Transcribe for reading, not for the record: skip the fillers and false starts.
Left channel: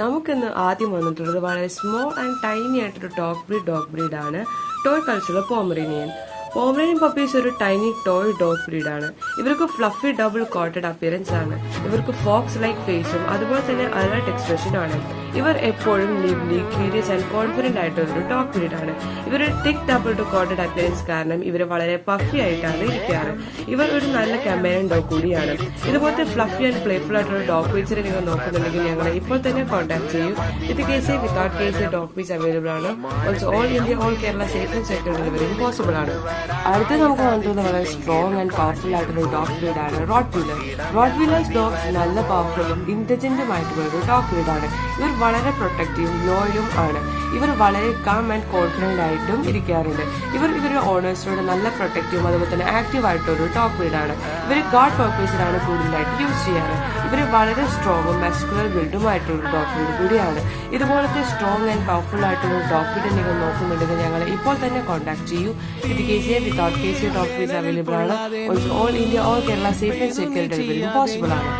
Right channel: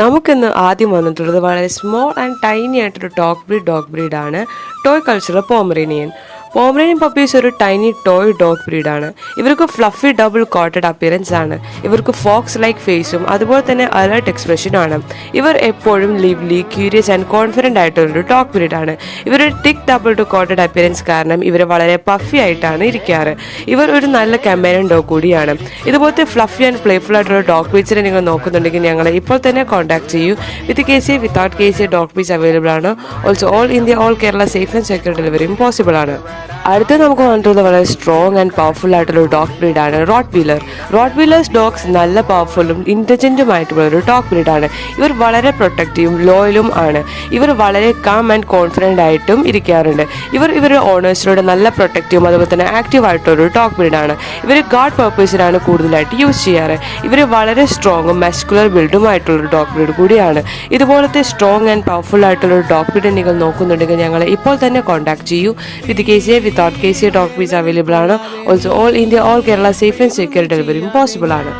നമുക്കിന്ന് ആദ്യം വന്നിട്ടുള്ളത് വളരെ സ്മോൾ ആൻഡ് ടൈനി ആയിട്ടൊരു ഡോഗ് ബ്രീഡാണ് toy cultural Pomeranian. Pomeranian puppies ഒരു ടൈനി ടോയ് ഡോഗ് ബ്രീഡാണ്. ഇവർക്ക് ഫ്ലഫി ഡബിൾ കോട്ടഡ് അപ്പിയറൻസ് ആണ്. ഇവർക്ക് ഫോക്സ് ലൈക്ക് ഫേസും അതുപോലെ തന്നെ അലേർട്ട് എക്സ്പ്രഷനും ആണ്. ഇവർ എപ്പോഴും ലിവ്ലി, ക്യൂരിയസ് ആൻഡ് കോൺഫിഡന്റ് ആയിട്ടുള്ളൊരു ഡോഗ് ബ്രീഡാണ്. ഇവരുടെ ടിക് ഡബിൾ ടു കോട്ടഡ് അപ്പിയറൻസ് കാരണം ഇവർ വളരെ പഫി ആയിട്ടാണ് ഇരിക്കാറ്. ഇവർ ഒരു നല്ല കമ്പാനിയൻ ഡോഗ് കൂടിയാണ്. ഇതുപോലത്തെ ഫ്ലഫി ആൻഡ് പ്ലേഫുൾ ആയിട്ടുള്ള ഡോഗ് ബ്രീഡ്സിനെ നിങ്ങൾ നോക്കുന്നുണ്ടെങ്കിൽ ഞങ്ങളെ ഇപ്പോൾ തന്നെ കോൺടാക്ട് ചെയ്യൂ. With KCA without KCA dog breeds available ആണ്. Also all India all Kerala safe and secure ഡെലിവറിയും പോസിബിൾ ആണ്. അടുത്ത് നമുക്ക് വന്നിട്ടുള്ളത് വളരെ സ്ട്രോങ് ആൻഡ് പവർഫുൾ ആയിട്ടുള്ള ഒരു ഡോഗ് ബ്രീഡാണ് rottweiler. Rottweilers dogs നല്ല പവർഫുള്ളും ഇന്റലിജന്റുമായിട്ടുള്ള ഒരു ഡോഗ് ബ്രീഡാണ്. ഇവർ വളരെ പ്രൊട്ടക്റ്റീവും ലോയലും ആണ്. ഇവർ വളരെ കാം ആൻഡ് കോൺഫിഡന്റ് ആയിട്ടും ഇരിക്കാറുണ്ട്. ഇവരുടെ ഓണേഴ്സിനോട് നല്ല പ്രൊട്ടക്റ്റീവും അതുപോലെ തന്നെ ആക്റ്റീവ് ആയിട്ടുള്ള ഒരു ഡോഗ് ബ്രീഡാണ്. ഇവർ ഗാർഡ് പർപ്പസിനാണ് കൂടുതലായിട്ട് യൂസ് ചെയ്യാറ്. ഇവർ വളരെ സ്ട്രോങ്ങും മസ്കുലർ ബിൽഡും ആയിട്ടുള്ള ഒരു ഡോഗ് ബ്രീഡ് കൂടിയാണ്. ഇതുപോലത്തെ സ്ട്രോങ് ആൻഡ് പവർഫുൾ ആയിട്ടുള്ള ഒരു ഡോഗ് ബ്രീഡ് നിങ്ങൾ നോക്കുന്നുണ്ടെങ്കിൽ ഞങ്ങളെ ഇപ്പോൾ തന്നെ കോൺടാക്ട് ചെയ്യൂ. With KCA without KCA dog breeds available ആണ്. Also all India all Kerala safe and secure ഡെലിവറിയും പോസിബിൾ ആണ്.